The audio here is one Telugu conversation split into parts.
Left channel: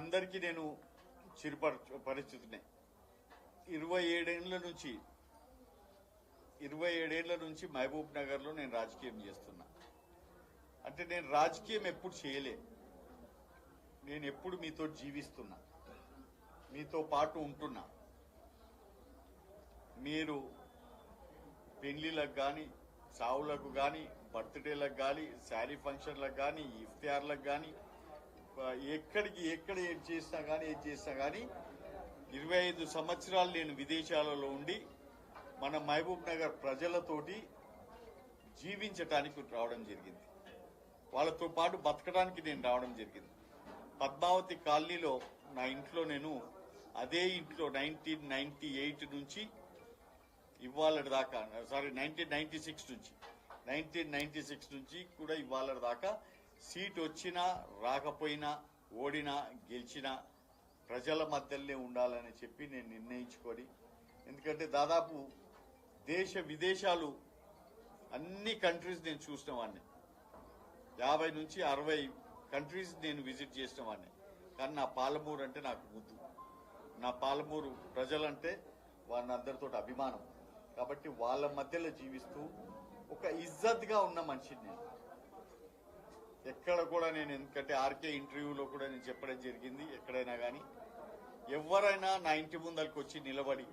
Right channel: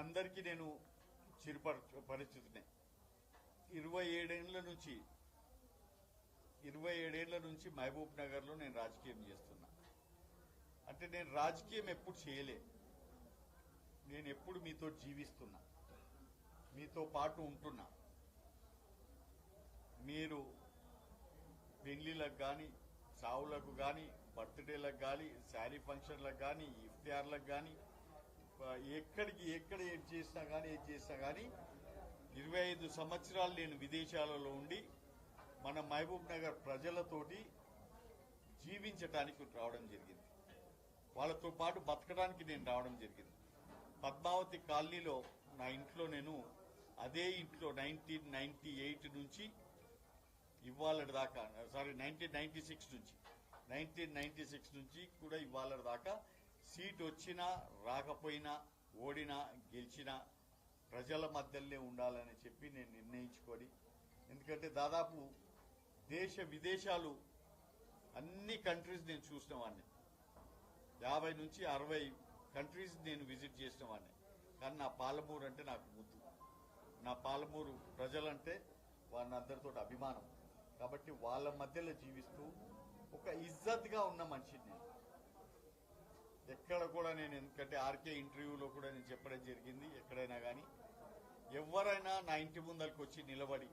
అందరికీ నేను పరిస్థితినే 27 ఏళ్ల నుంచి మహబూబ్ నగర్ లో నేను రాజకీయం చేస్తున్నా. అంటే నేను రాజకీయం ఎప్పుడు చేయలే. నేను ఎప్పుడు మీతో జీవిస్తున్నా, మీతో పాటు ఉంటున్నా. మీరు పెళ్లిలకు కానీ, సావులకు కానీ, బర్త్డేలకు కానీ, శారీ ఫంక్షన్లకు కానీ, ఇఫ్తియార్లకు కానీ, ఎక్కడ ఏది చేసినా కానీ 25 సంవత్సరాలు నేను విదేశాలలో ఉండి మన మహబూబ్ నగర్ ప్రజలతోటి జీవించడానికి రావడం జరిగింది. వాళ్ళతో పాటు బతకడానికి నేను రావడం జరిగింది. పద్మావతి కాలనీలో నా ఇంట్లో నేను అదే ఇంట్లో 1998 నుంచి ఇవాళ దాకా 1996 నుంచి కూడా ఇవాళ దాకా సీట్ వచ్చినా రాకపోయినా, ఓడినా గెలిచినా ప్రజల మధ్యలోనే ఉండాలని చెప్పి నేను నిర్ణయించుకొని, ఎందుకంటే దాదాపు దేశ విదేశాలు అన్ని కంట్రీస్ నేను చూసిన వాడిని. 50 నుంచి 60 కంట్రీస్ నేను విజిట్ చేసిన వాడిని. కానీ నా పాలమూరు అంటే నాకు ముద్దు. నా పాలమూరు ప్రజలంటే వాళ్ళందరితో అభిమానం. కాబట్టి వాళ్ళ మధ్యలో జీవిస్తూ ఒక ఇజ్జత్గా ఉన్న మనిషిని నేను. ఎక్కడ కూడా నేను, ఎందుకంటే ఆర్కే ఇంటర్వ్యూలో కూడా నేను చెప్పడం జరిగింది, ఎక్కడైనా కానీ ఎవరైనా నా ఇంటి ముందరికి వచ్చి నిలబడి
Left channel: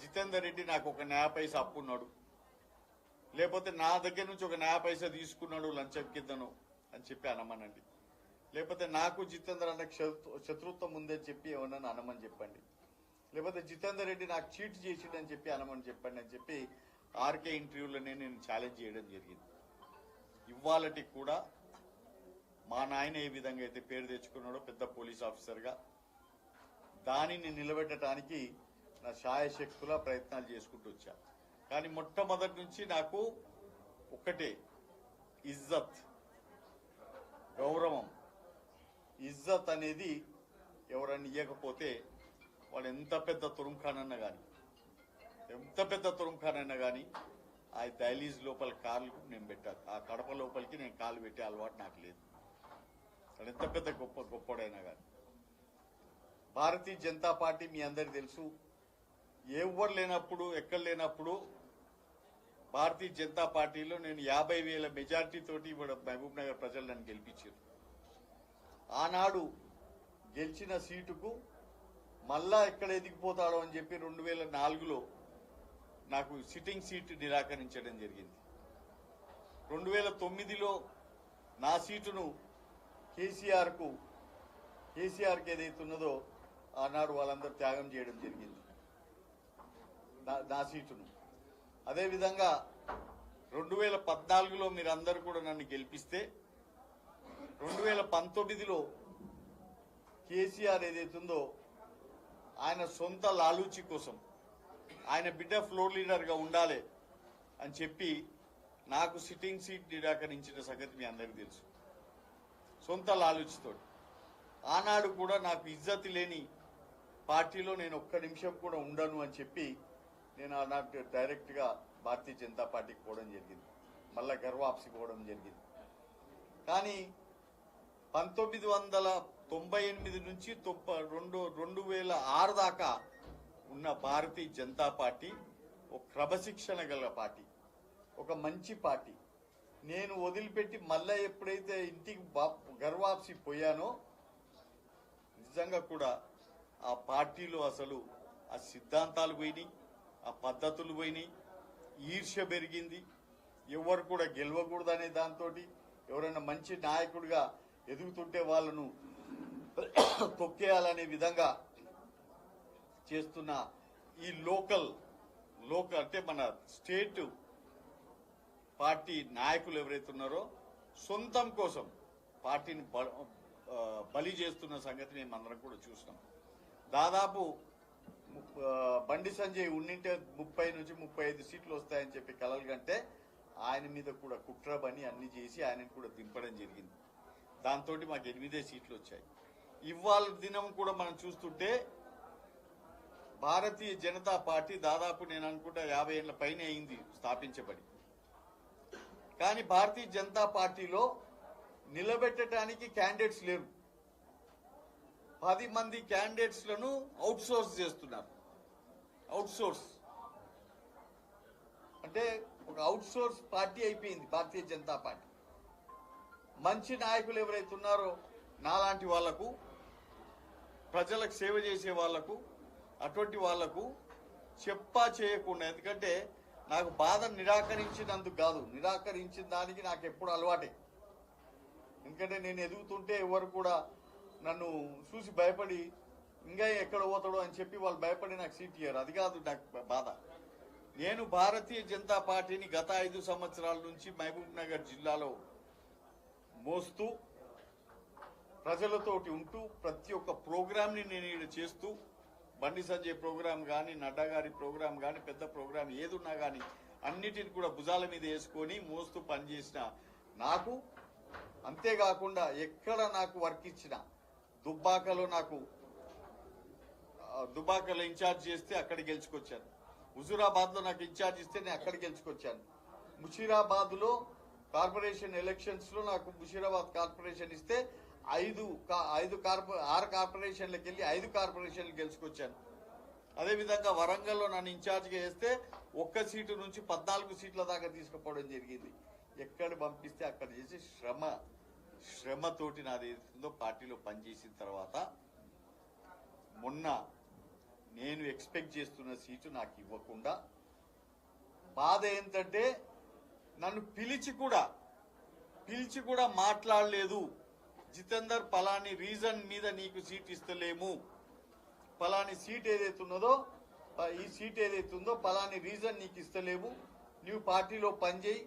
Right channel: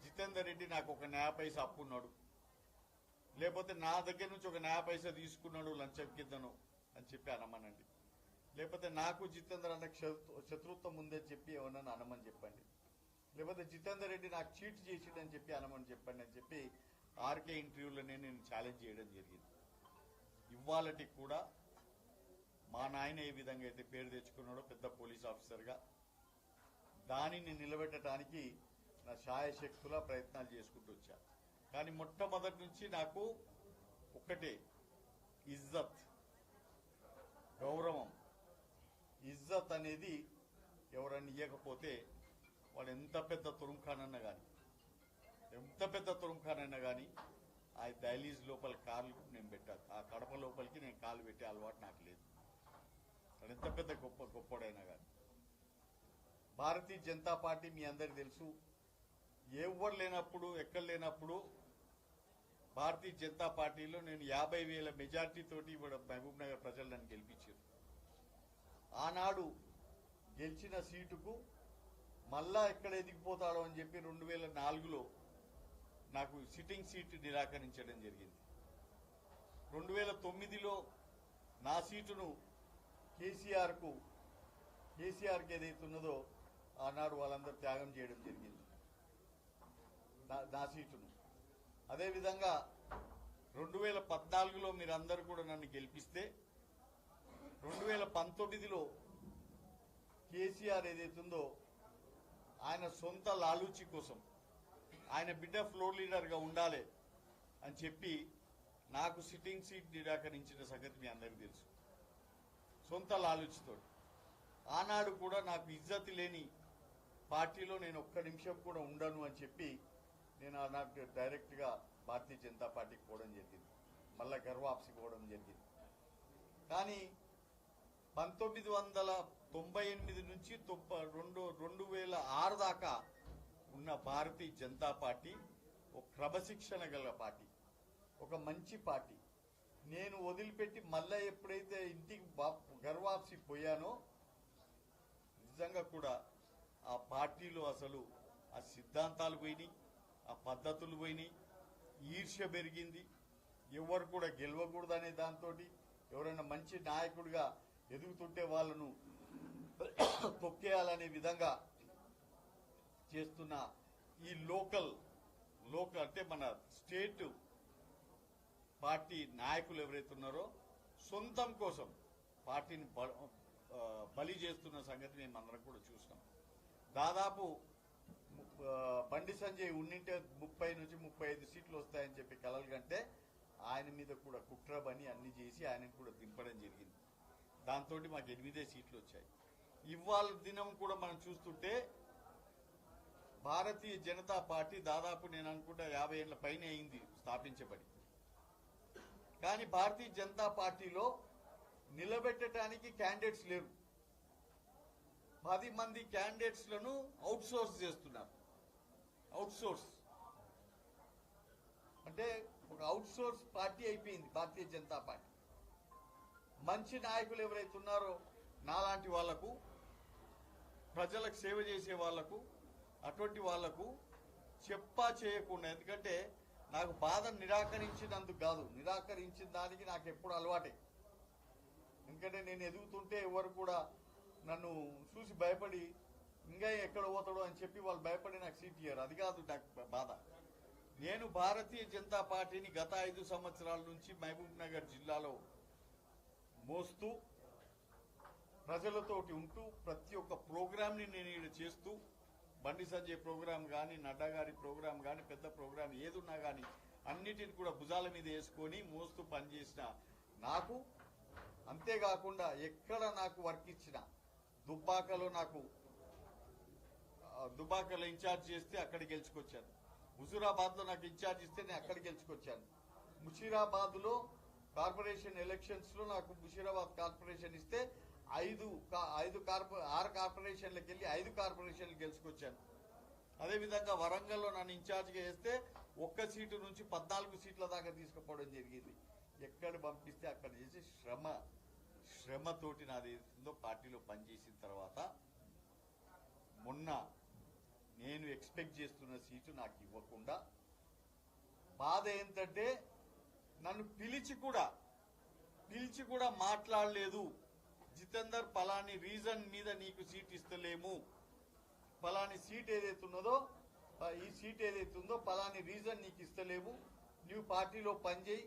జితేందర్ రెడ్డి నాకు ఒక 90 పైసా అప్పున్నాడు, లేకపోతే నా దగ్గర నుంచి ఒక 90 పైసా తీసుకున్నాడు లంచం కిందను అని చెప్పి అనమనండి. లేకపోతే నాకు జితేందర్ అన్న శత్రుత్వం ఉందని చెప్పి ఏమన్నా అనమని చెప్పండి. లేకపోతే జితేందర్ రెడ్డి నాకు చీట్ చేసిండని చెప్పి అనమని చెప్పండి అని చెప్పి ఆర్కే ఇంటర్వ్యూలోనే నేను ఛాలెంజ్ చేయడం జరిగింది. ఇవాళకి కూడా మా నాయన ఏ విధంగా అయితే పేరు తెచ్చుకున్నాడో పెద్ద పోలీస్ ఆఫీసర్గా, దానిని నిలబెట్టడానికి నా శాయశక్తులా ప్రయత్నాలు చేసుకుంటూ వచ్చా. కానీ మొట్టమొదటి నుంచి నాకు ఒకటే, ఇజ్జత్, గౌరవం. ఇజ్జత్ అనేది ఎవరన్నా ఇవ్వకపోతే వాడు ఎంత పెద్ద తురుంఖానన్నా కానీ ఆ దైలీజ్ లోపల కార్లు నేను పెట్టాను. ఆ కడప లోపలికి నేను కాలు పెట్టే అలవాటు నాకు లేదు. ఎంత పెద్ద గొప్పడైనా కానీ. భారతీయ జనతా పార్టీ మీ అందరికి తెలుసు, ఎవరు లేనప్పుడు, ఎక్కడ లేనప్పుడు భారతీయ జనతా పార్టీలో నేను 50,000 మెజార్టీ తోటి మహబూబ్ నగర్ ప్రజలు నన్ను గెలిపించారు. ఆనాడు గెలిచిన సీటుకు మళ్ళా ఎక్కడ ఎదిగిపోతాడో అని చెప్పి 2004లో నాకు సిట్టింగ్ సీట్ నిరాకరించడం జరిగింది. 2009లో నా సీటును కేసీఆర్కి ఏదైతున్నదో ఆనాడు వాళ్ళందరూ త్యాగం చేయడం జరిగింది నా సీటును. అదేవిధంగా 2014లో మీరందరూ కూడా నన్ను గెలిపిస్తే 2019లో కేసీఆర్ ఏదైతుందో ఆయన సొంత లాలూచి కోసం, ఆయన బిడ్డ ఫ్లోర్ లీడర్ గా ఉండాలి అని చెప్పి నాకు సిట్టింగ్ సీట్ నిరాకరించిన సంగతి మీ అందరికీ తెలుసు. సొంత లాలూచితో ఆనాడు కూడా నాకు ఇజ్జతి లేని పార్టీలో నేను ఒక్క నిమిషం కూడా ఉండను అని చెప్పి నేను ఆనాడు డైరెక్ట్ గా భారతీయ జనతా పార్టీకి పోవడం జరిగింది. మళ్ళా గర్వాప్సి పోవడం జరిగింది. కానీ 1998 నుంచి 2006 దాకా ఉన్న భారతీయ జనతా పార్టీ ఒక క్రమశిక్షణ గల పార్టీ, ఒక మంచి పార్టీ. నేను వదిలిపెట్టి మళ్ళా ఎప్పుడైతే ఇంటికి గర్వాప్సి పోయానో నిజంగా కూడా ఆ పార్టీలో అసలు ఆ సిద్ధాంతాలు పోయినాయి, ఆ పద్ధతులు పోయినాయి, ఈర్ష్య పెరిగింది. ఎవరు కూడా గెలవకూడదు అనే దాంతో ఎవరైనా మంచి నాయకుడిగా ఎదుగుతుంటే వాళ్ళను తొక్కేయాలనే విధంగా చేస్తున్న ఈ లోకల్ అంటే మన స్టేట్ పార్టీ నాయకులు ఎవరైతే ఉన్నారో సొంతం కోసం పార్టీని బలి చేస్తున్న సంగతి మేము అందరం కూడా చూస్తున్నాం. దాదాపు బండి సంజయ్ ఉండింటే 30 నుంచి 35 సీట్లు వస్తాయని చెప్పి కలలు కంటే ఆయన మీద కూడా కుట్ర బని అన్ని చేసి ఆయనను కూడా దింపడం జరిగింది. దాంతో మాకు 8 సీట్లు వచ్చాయి. ఇవాళ దినం కూడా మనం చూస్తుంటే భారతీయ జనతా పార్టీ దాదాపు నేను అనుకుంటా 50 ఏళ్ల పైన అయింది స్థాపించబడి. కానీ భారతీయ జనతా పార్టీలో నిలబెట్టడానికి క్యాండిడేట్స్ లేరు. 10 మంది క్యాండిడేట్స్ లను అవుట్ సోర్స్ చేస్తున్నారు. అవుట్ సోర్స్ అంటే ఒక అవుట్ సోర్స్ పార్టీ అయిపోయింది భారతీయ జనతా పార్టీ. మంచి నాయకులు ఎవరైతే ఉన్నారో నాలాంటి వాళ్లకు, ప్రజలకు సేవ చేసే వాళ్లకు, అటువంటి వాళ్లకు చెప్పా చేయకుండా, ఎందుకంటే నాకు బాధ నిరాకరించినందుకు కాదు, నిరాకరించిన దానికి నాకు ఎప్పుడు అలవాటే. ఎందుకంటే నేను ఎదుగుతుంటే ఎవరు కూడా నన్ను చూసి భయపడి ఇంకా ఎక్కడ పోతాడో అని చెప్పి వాళ్ళు భయపడి నాకు సీట్ ఇయ్యారు. అది కాదు నాకు బాధ. నేను భారతీయ జనతా పార్టీని గత 5 సంవత్సరాల నుంచి మహబూబ్ నగర్ జిల్లాలో మోస్తూ, ప్రజలతోటి ఉంటూ, ప్రతి ఒక్క ప్రోగ్రామ్ ని నేను ఇక్కడ చేస్తూ, బండి సంజయ్ ప్రోగ్రాం కానీ, నడ్డా గారి ప్రోగ్రాం కానీ, పెద్ద ప్రోగ్రాం ఏదున్నా కానీ అన్నిటిని కూడా భుజాల మీద వేసుకొని మోస్తూ పనిచేసిన నాకు, అంతేకాకుండా ఎక్కడ నాకు వర్క్ ఇచ్చిన, దుబ్బాకలో ఇన్ఛార్జ్ చేస్తే అక్కడ గెలుచుకొచ్చాను. హుజూరాబాద్ లో నాకు ఇన్ఛార్జ్ ఇస్తే నేను అక్కడ గెలుచుకొచ్చాను. ముషీరాబాద్ లో కార్పొరేషన్ ఎలక్షన్స్ లో నాకు ముషీరాబాద్ కార్పొరేషన్ ఇస్తే 6 కార్పొరేషన్లకు వెళ్ళి 5 కార్పొరేషన్లు గెలుచుకొచ్చాను. అదేవిధంగా వరంగల్లో నన్ను ఇన్ఛార్జ్గా వేస్తే 1 సీటు నుంచి 14 సీట్ల దాకా తీసుకుపోవడం జరిగింది. ఎక్కడ పంపిస్తే అక్కడ చేసి శ్రమతోటి నాది ఏదో పార్టీలో పనిచేసిన తర్వాత మొన్న నేను ఎక్స్పెక్ట్ చేస్తున్న సీటు నాకు ఇవ్వకుండా, బాధ ఏంటంటే నన్ను పిలిచి కూడా మాట్లాడలేదు. జితేందర్, పలాని రీజన్ మీద నీకు సీట్ ఇస్తలేము, పలాని సీట్ ఏదైతే ఉన్నదో, ఈ సీట్ ఏదైతే ఉందో పలాని రీజన్ నీకు ఇస్తలేము, నువ్వు పార్టీలో పనిచేయి,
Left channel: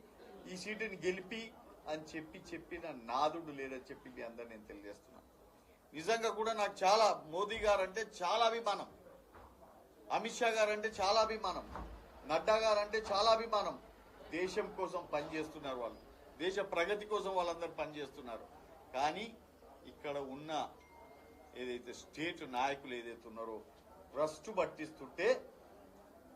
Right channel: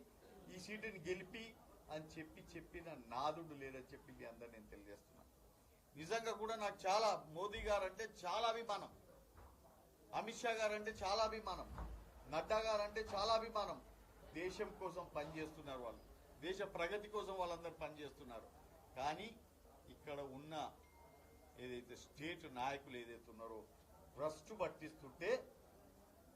ఈ సీటుని గెలిపి అని చెప్పిన నాదుడు లేదని చెప్పి మీ అందరు నేను తెలియజేస్తున్నా. నిజంగా కూడా నాకు చాలా, మోదీ గారు అంటే చాలా అభిమానం, అమిత్ షా గారు అంటే చాలా అభిమానం, నడ్డా గారు అంటే చాలా అభిమానం. దేశం కోసం పనిచేస్తున్నారు వాళ్ళు, దేశ ప్రగతి కోసం వాళ్ళందరూ పనిచేస్తున్నారు. కానీ ఇక్కడ ఉన్న ఏదైతే స్టేట్ నాయకులు ఏదైతే ఉన్నారో భ్రష్టు పట్టిస్తుంటే,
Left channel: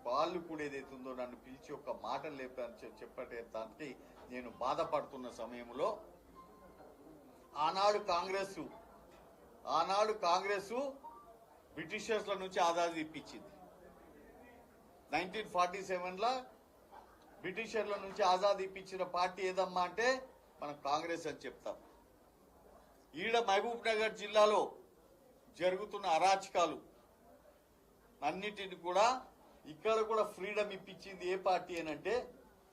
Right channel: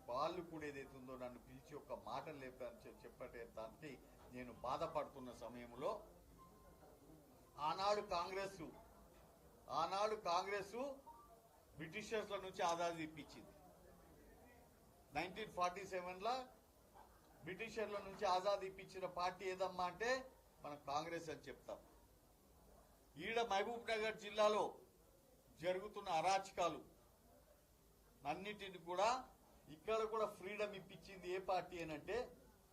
వాళ్ళు కూడా ఏదైతే ఉందో నన్ను పిలిచి ఒక మాట లేపని చెప్పడానికి నేను బాధపడుతున్న సమయంలో ఆనాడు కాంగ్రెస్ బ్రిటిషర్స్ల నుంచి ఆజాదీ ఇప్పించింది. 1947 బ్రిటిషర్ల నుంచి ఆజాదీ ఇప్పించిన పార్టీ ఏదమ్మా అంటే మనం కాంగ్రెస్ అని చెప్తాం. ఈడ మహబూబ్ నగర్ జిల్లాలో జరుగుతున్న అరాచకాలు అన్నిటిని కూడా ఇక్కడ కూడా ఫ్రీడమ్ ఇప్పించింది ఏ పార్టీ అనంటే,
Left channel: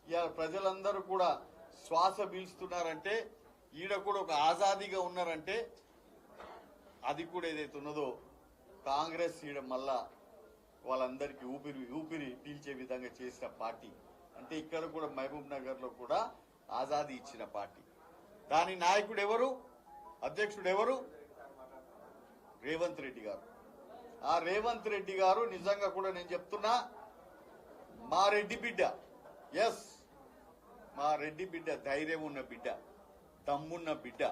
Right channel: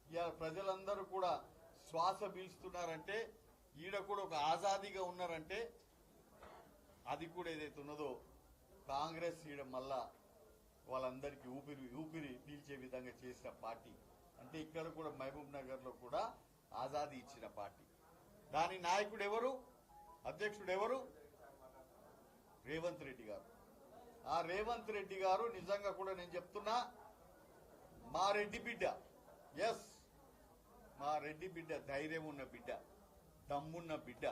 ఇవాళ ప్రజలందరూ కూడా శ్వాస పీల్చుతున్నారంటే, ఈడ కూడా ఒక ఆజాదీగా ఉన్నారంటే, అది కూడా ఏదైతే ఉన్నదో కాంగ్రెస్ ఈడ మళ్ళా వాళ్ళందరికీ ఊపిరి పీల్చే విధంగా చేసిన పార్టీ. అంటే ఇక్కడ కూడా మహబూబ్ నగర్ లో కూడా ఆజాదీ ఇచ్చిన పార్టీ. దాని నాయకుడు ఎవరు, అధ్యక్షుడు ఎవరు? రేవంత్ రెడ్డి గారు. ఆ రేవంత్ రెడ్డి గారు నిజంగా కూడా నేను చెప్తున్నా, మా రెడ్డి బిడ్డ, మా రెడ్డి బిడ్డ, ధైర్యం ఉన్న బిడ్డ, దమ్మున్న బిడ్డ.